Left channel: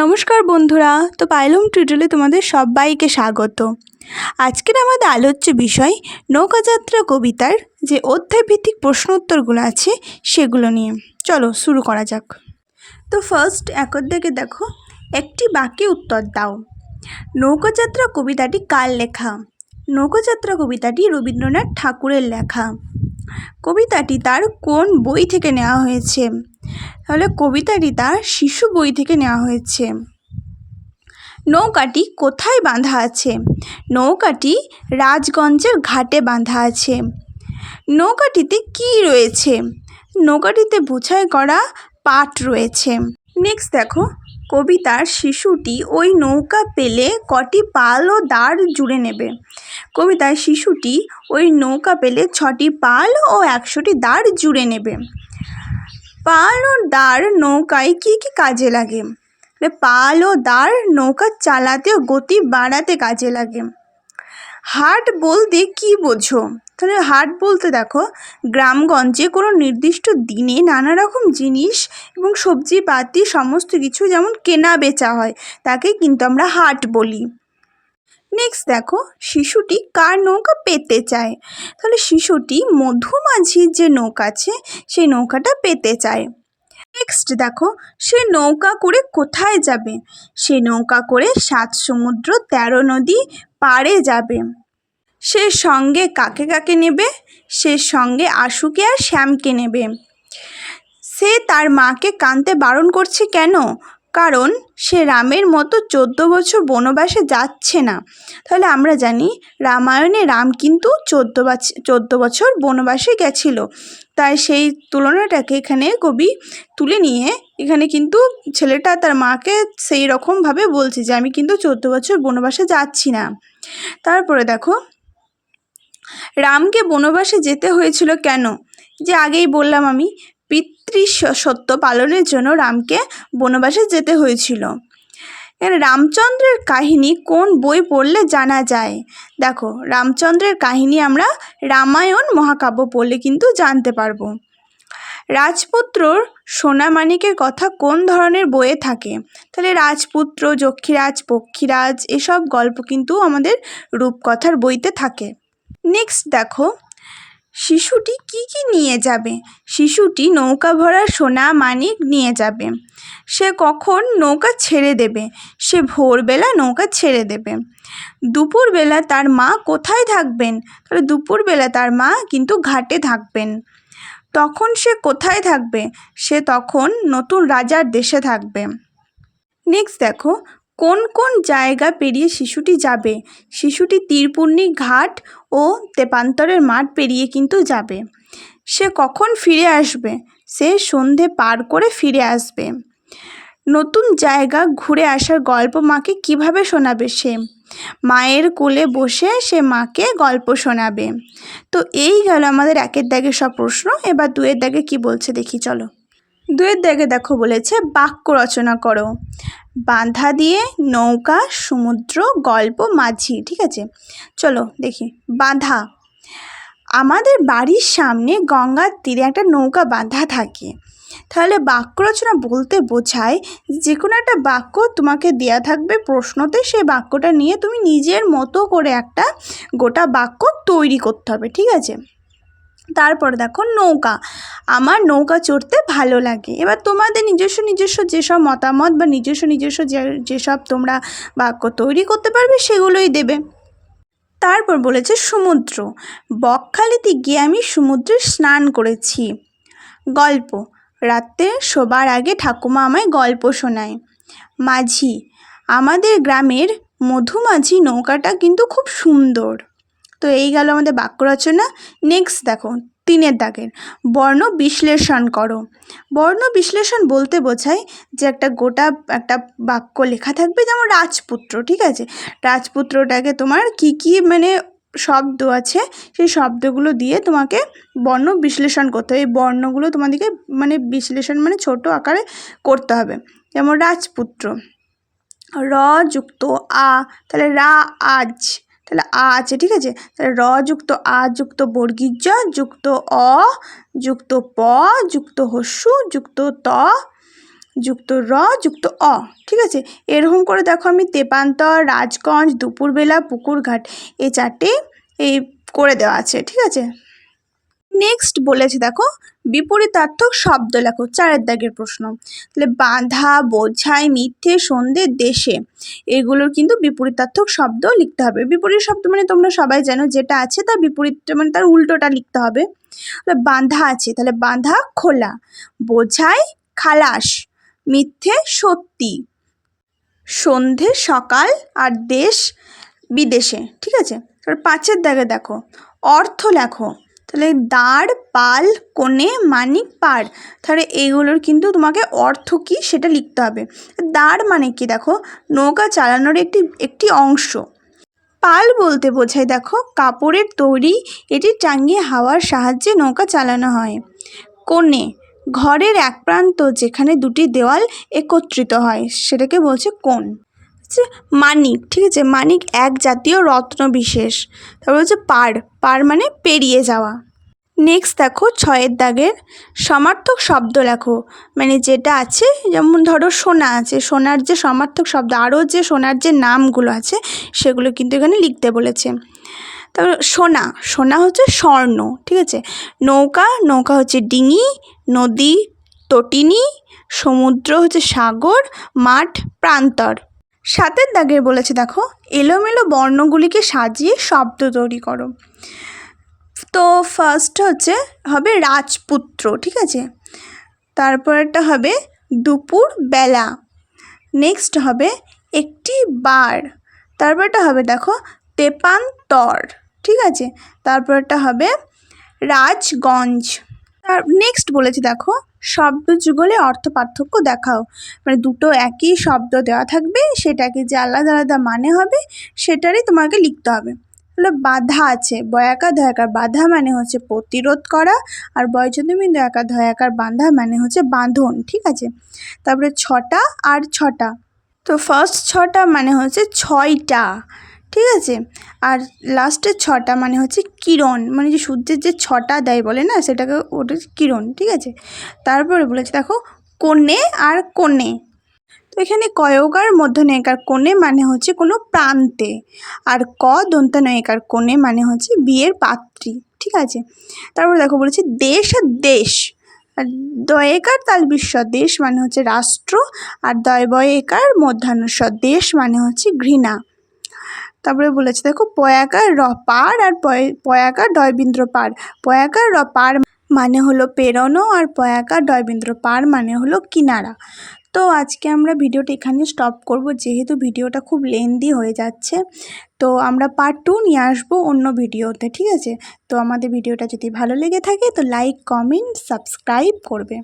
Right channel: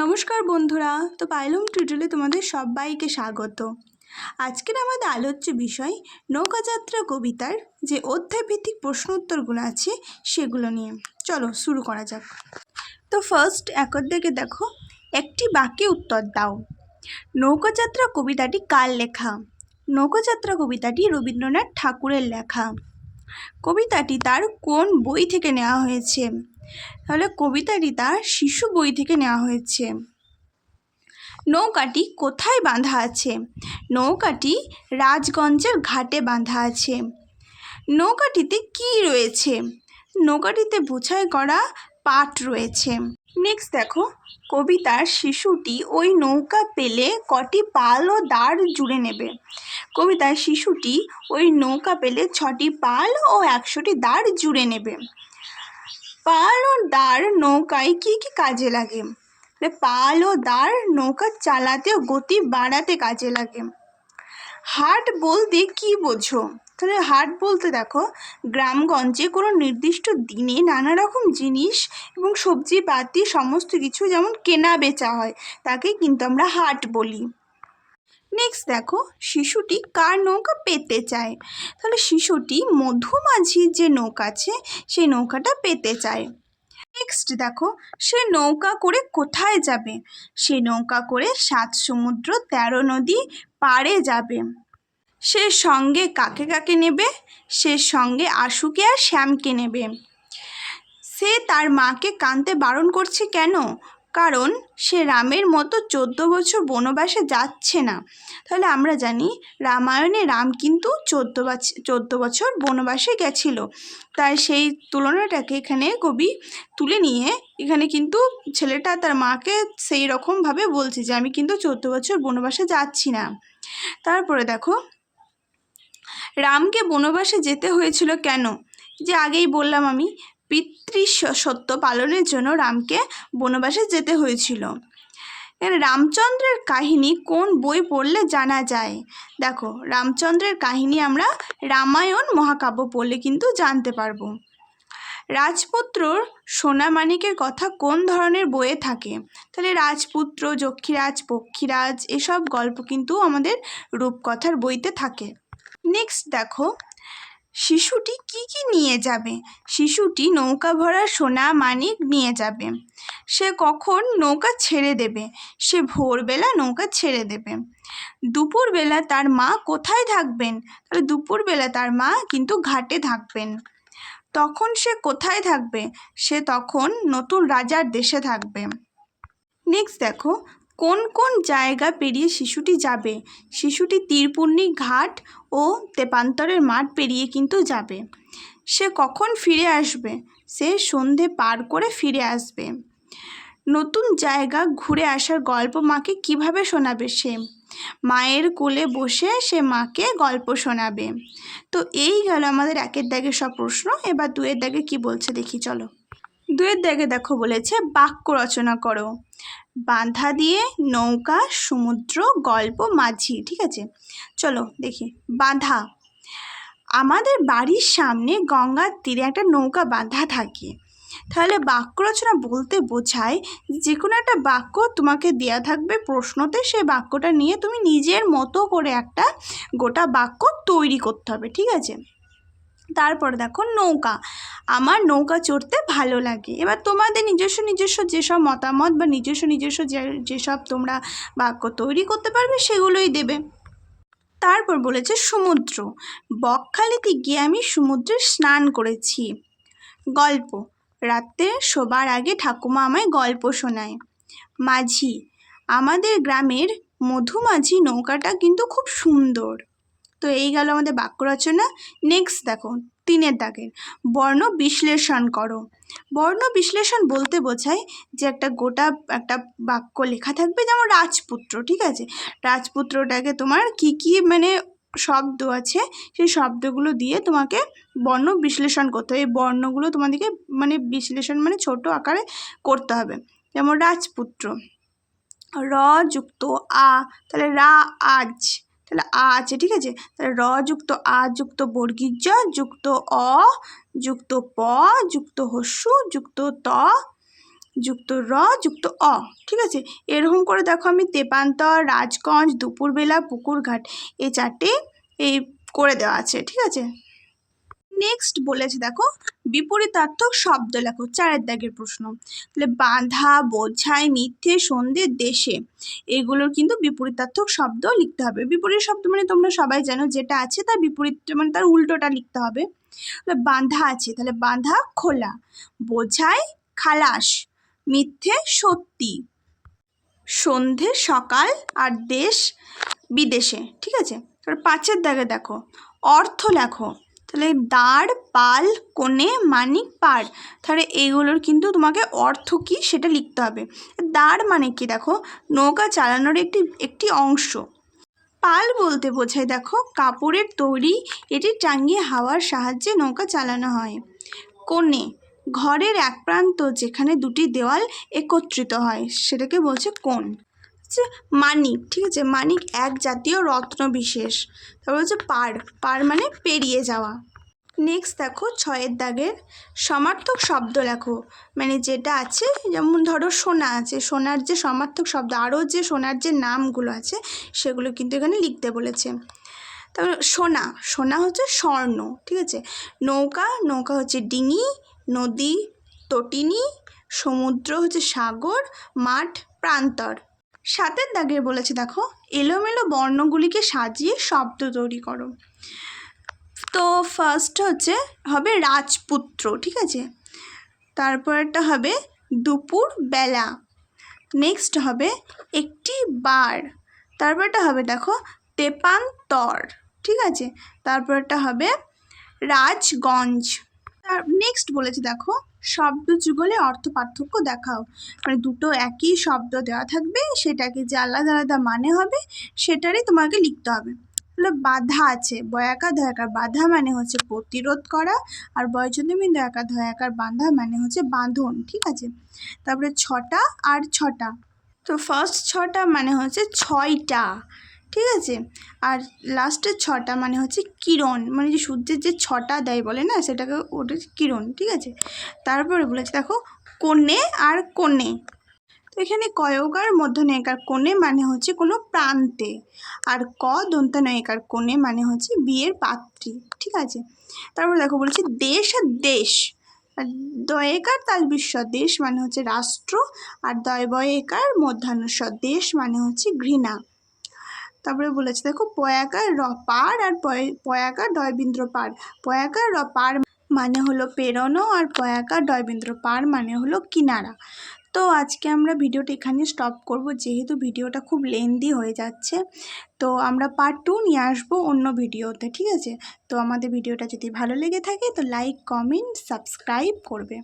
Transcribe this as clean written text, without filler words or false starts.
নমস্কার বন্ধুরা, তো পাইলুম টিউটোরিয়ালে তোমাদের সবাইকে স্বাগত। আজকের আমাদের আলোচ্য বিষয় নৌকাযাত্রা কবিতার যে অধ্যায়ভিত্তিক প্রশ্ন উত্তরগুলো আছে সেগুলো নিয়ে। চলো শুরু করা যাক। তো ফার্স্ট এক অধ্যায়কে দেখো, একটি বাক্যে উত্তর দাও। নৌকাযাত্রা কবিতাটি কার লেখা? নৌকাযাত্রা কবিতাটি রবীন্দ্রনাথ ঠাকুরের লেখা। কবিতাটি তার কোন বই থেকে নেওয়া হয়েছে? তাহলে কবিতাটি তার শিশু বই থেকে নেওয়া হয়েছে। নৌকাটি কোথায় বাঁধা আছে? নৌকাটি রাজগঞ্জের ঘাটে বাঁধা আছে। নৌকাটিতে কি রয়েছে? নৌকাটিতে বোঝাই করা পাট রয়েছে। নেক্সট দেখো, কবিতার শিশুটি ওই নৌকা পেলে কটি পাল ও দাঁড় জুড়ে নেবে? কবিতার শিশুটি ওই নৌকা পেলে 6টি পাল ও 100টি দাঁড় জুড়ে নেবে। পাল ও দাঁড় নৌকায় কি কি কাজে লাগে? পাল ও দাঁড় নৌকা চালাতে ও গতি বাড়াতে কাজে লাগে। হাট বলতে কি বোঝো? তাহলে হাট বলতে দেখো, গ্রামগঞ্জে কোনো নির্দিষ্ট দিনে নানা রকম জিনিস এবং সবজিপাতি সমস্ত কিছু যেমন কেনা বেচা হয়, তাকে কিন্তু আমরা হাট বলি। নেক্সট দেখো, শিশুটি কার নৌকা পেতে চায়? তাহলে শিশুটি মধুমাঝির যে নৌকা আছে সেই নৌকাটা পেতে চায়। নেক্সট দেখো, সে নৌকা করে কোথায় যাবে? সে নৌকা করে 7 সমুদ্র 13 নদী পাড়ে যাবে। সে সঙ্গে কাকে কাকে নেবে? সে সঙ্গে আশুকে আর শ্যামকে নেবে। সে তার মাকে কাঁদতে বারণ করছে কেন? কারণ সে রামের মতো 14 বছর বনবাসে যাচ্ছে না। তাহলে আমরা জানি রামায়ণে রাম কিন্তু 14 বছর বনবাসে গেছিল, তাই সেই তুলনাটাকে এখানে কবি তুলে নিয়ে এখানে কিন্তু ছেলেটা তার মাকে সেই রকমভাবে বলছে যে আমি কিন্তু 14 বছর বনবাসে যাচ্ছি না। তারপরে দেখো, রামকে বনবাসে যেতে হয়েছিল কেন? যে আগেই বললাম আমি, পিতৃসত্য পালনের জন্য রামকে বনবাসে যেতে হয়েছিল। রামচন্দ্রের কাহিনী কোন বই পড়লে জানা যায়? দেখো, রামচন্দ্রের কাহিনী আমরা রামায়ণ মহাকাব্য পড়লে কিন্তু জানতে পারবো। রাজপুত্রর সোনামানিকের কথা কোন ধরনের বইয়ে থাকে? তাহলে রাজপুত্র, যক্ষীরাজ, পক্ষীরাজ এসব গল্প কিন্তু আমাদের রূপকথার বইতে থাকে। নেক্সট দেখো, শিশুটি কি কি নিয়ে যাবে? শিশুটি নৌকা ভরা সোনা মানিক নিয়ে যাবে। সে কখন নৌকা ছেড়ে দেবে? সে ভোরবেলা নৌকা ছেড়ে দেবে। দুপুরবেলা তার মা কোথায় থাকবেন? তাহলে দুপুরবেলা তার মা কিন্তু ঘাটে থাকবেন। তখন সে কোথায় থাকবে? সে তখন নতুন রাজার দেশে থাকবে। নেক্সট দেখো, কোন কোন জায়গা পেরিয়ে শিশুটি যাবে? শিশুটি তীরপুর্ণি ঘাট ও তেপান্তরের মাঠ পেরিয়ে কিন্তু যাবে। সে কখন ফিরে আসবে? সে সন্ধে পার করে ফিরে আসবে। নতুন জায়গা ঘুরে আসার গল্প মাকে কিভাবে শোনাবে? সে মায়ের কোলে বসে সে মাকে গল্প শোনাবে। তো এই গেল আমাদের 1-এর দাগের সব প্রশ্ন। এবার 2-এর দাগে কি বলছে দেখি চলো। 2-এর দাগে দেখো বলেছে বাক্য রচনা করো। বাঁধা দিয়ে, নৌকা, সমুদ্র, গল্প, মাঝি। ঠিক আছে, চলো দেখি। বাঁধা, আমাদের বাড়ির সামনে গঙ্গার তীরে একটা নৌকা বাঁধা থাকে। তাহলে বাক্য রচনা বলতে বোঝায় যে কোনো একটা বাক্য তোমাকে দেয়া থাকবে প্রশ্নতে, সেই বাক্যটা নিয়ে তুমি নিজের মতো করে একটা গোটা বাক্য তৈরি করতে হবে। ঠিক আছে, তারপরে দেখো নৌকা, আমার নৌকা চড়তে ভালো লাগে। এবার তোমাদের নিজস্ব যেসব মতামত বা নিজস্ব যেসব তোমরা বাক্য তৈরি করতে পারবে সেগুলোই দেবে। তারপর বলেছে সমুদ্র, বকখালিতে গিয়ে আমি সমুদ্রে স্নান করেছি। গল্প, রাতে শোবার আগে ঠাকুমা আমায় গল্প শোনায়। মাঝি, আমাদের গ্রামের মধুমাঝি নৌকাটা কিন্তু খুব সুন্দর। তো এই গেল আমাদের বাক্য রচনা। নেক্সট দেখো 3-এর দাগের বর্ণ বিশ্লেষণ করো। বর্ণ বিশ্লেষণ বলতে বোঝায় যে একটা বাক্য লেখা থাকবে, যেমন রাজপুত্র। ঠিক আছে, রাজপুত্রটাকে তোমার কি কি মানে শব্দ আছে সেই শব্দগুলো দিয়ে তোমাকে বর্ণ বিশ্লেষণ করতে হবে। এই বর্ণগুলো তোমাদেরকে মানে বিশ্লেষণ মানে ছোট আকারে করতে হবে। যেমন রাজপুত্র, র যুক্ত আ, তাহলে রা আজ, তাহলে আ আছে। ঠিক আছে, তাহলে র যুক্ত আ যুক্ত বর্গীয় জ যুক্ত অ যুক্ত প যুক্ত হস্যু যুক্ত ত যুক্ত র যুক্ত অ, ঠিক আছে। এরকম করে দেখো আমি তেপান্তর, রাজগঞ্জ, দুপুরবেলা, পুকুরঘাট এই চারটে এই করে দেওয়া আছে, ঠিক আছে। নেক্সট বলেছে দেখো বিপরীতার্থক শব্দ লেখো, 4 দাগের প্রশ্ন। তাহলে বাঁধা, বোঝাই, মিথ্যে, সন্ধে, দেশে, এগুলোর কিন্তু বিপরীতার্থক শব্দ লিখতে হবে। বিপরীত শব্দ মানে তোমরা সবাই জানো যেটা আছে তার বিপরীত মানে তার উল্টোটা লিখতে হবে। বাঁধা আছে, তাহলে বাঁধা খোলা, বোঝাই খালাস, মিথ্যে সত্যি, সন্ধে সকাল, আর দেশ বিদেশে, ঠিক আছে। এবার 5 দাগে দেখো অর্থ লেখো। তাহলে দাঁড়, পাল, কোণে, মানিক, পাড়, তাহলে এইগুলোর কিন্তু তোমাকে অর্থ কী সেটা লিখতে হবে। দাঁড় মানে কি দেখো নৌকা চালানোর একটি অংশ। পাল বলতে বোঝায় দেখো কাপড়ের তৈরি, এটি টাঙিয়ে হাওয়ার সাহায্যে নৌকা চালানো হয়। কোণে ঘরের এক প্রান্ত যেখানে দুটি দেওয়াল একত্রিত হয় সেটাকে বলছে কোণ। মানিক, ঠিক আছে, মানিক এক জাতীয় রত্ন বিশেষ। তারপর হচ্ছে পার, পার মানে পেরিয়ে যাওয়া। নেক্সট দেখো 6 দাগের সমার্থক শব্দ লেখো, মানে যেটা আছে যেমন ধরো সোনা আছে, সোনার যে সমার্থক শব্দ আরও যে সোনার যে নামগুলো আছে সেগুলো কিন্তু এখানে লিখতে বলেছে। তারপর সোনা, সোনা হচ্ছে স্বর্ণ, ঠিক আছে। নৌকা, নৌকা হচ্ছে ডিঙি, নদী তটিনী, সমুদ্র হচ্ছে সাগর, মাঠ প্রান্তর। 7 দাগের বলেছে দেখো এলোমেলো বর্ণগুলিকে সাজিয়ে শব্দ তৈরি করো। তো ফার্স্ট হচ্ছে হবে রাজপুত্র, ঠিক আছে। তারপরটা হবে দুপুর বেলা। নেক্সট হবে একটি বার। তারপরটা হবে দেখো তেপান্তর, ঠিক আছে। তারপরটা হবে রাজগঞ্জ। নেক্সট বলেছি দেখো শব্দ যুগলে অর্থ পার্থক্য দেখাও, মানে দুটো একই শব্দ দেওয়া থাকবে সেটাকে যে আলাদা আলাদা মানে হবে সেটারই তোমাকে লিখতে হবে। তাহলে বাধা আছে, বয়াকার ধয়াকার, বাধা মানে হচ্ছে প্রতিরোধ করা, আর বয়চন্দ্রমী দয়াকার ধয়াকার বাঁধা মানে হচ্ছে বাঁধন, ঠিক আছে। তারপরে 6টা আর 6টা, তো ফার্স্ট 6টা মানে হচ্ছে 6টা, ঠিক আছে। আর লাস্টের 6টা মানে হচ্ছে কিরণ, মানে যে সূর্যের যে 6টা দেয় বলে না সেটাকে ওটা কিরণ, ঠিক আছে। তারপরে বলেছে দেখো কোণে আর কোণে, তো এখানে কয়কার মধ্যনয়িকার কোণে মানে হচ্ছে কোনো প্রান্তে, আর ক দন্তানয়িকার কোণে মানে হচ্ছে বিয়ের পাত্রী, ঠিক আছে। তারপর দেখো বলেছে দেশ আর দেশ, আর দয়েকার তালবিস্বর দেশ মানে হচ্ছে রাষ্ট্র, আর দয়বয়েকার মধ্যাহ্নস্বর দেশ মানে হচ্ছে ঘৃণা। তারপরে বলেছে দেখো পয়াকার র পার, আর পয়াকার ডয়বিন্দ্র পার, পয়াকার র পার মানে হলো পেরোনো, আর পয়াকার ডয়বিন্দ্র পার মানে হলো কিনারা। তো আজকে আমরা ভিডিওটা এখানে স্টপ করব যেহেতু ভিডিওটা খুব লেন্দি হয়ে যাচ্ছে। তো আমরা পার্ট 2 নিয়ে আসবো অন্য ভিডিওতে, ঠিক আছে। তো আমাদের ভিডিওটা যদি ভালো লেগে থাকে তো লাইক, কমেন্ট, সাবস্ক্রাইব করবে।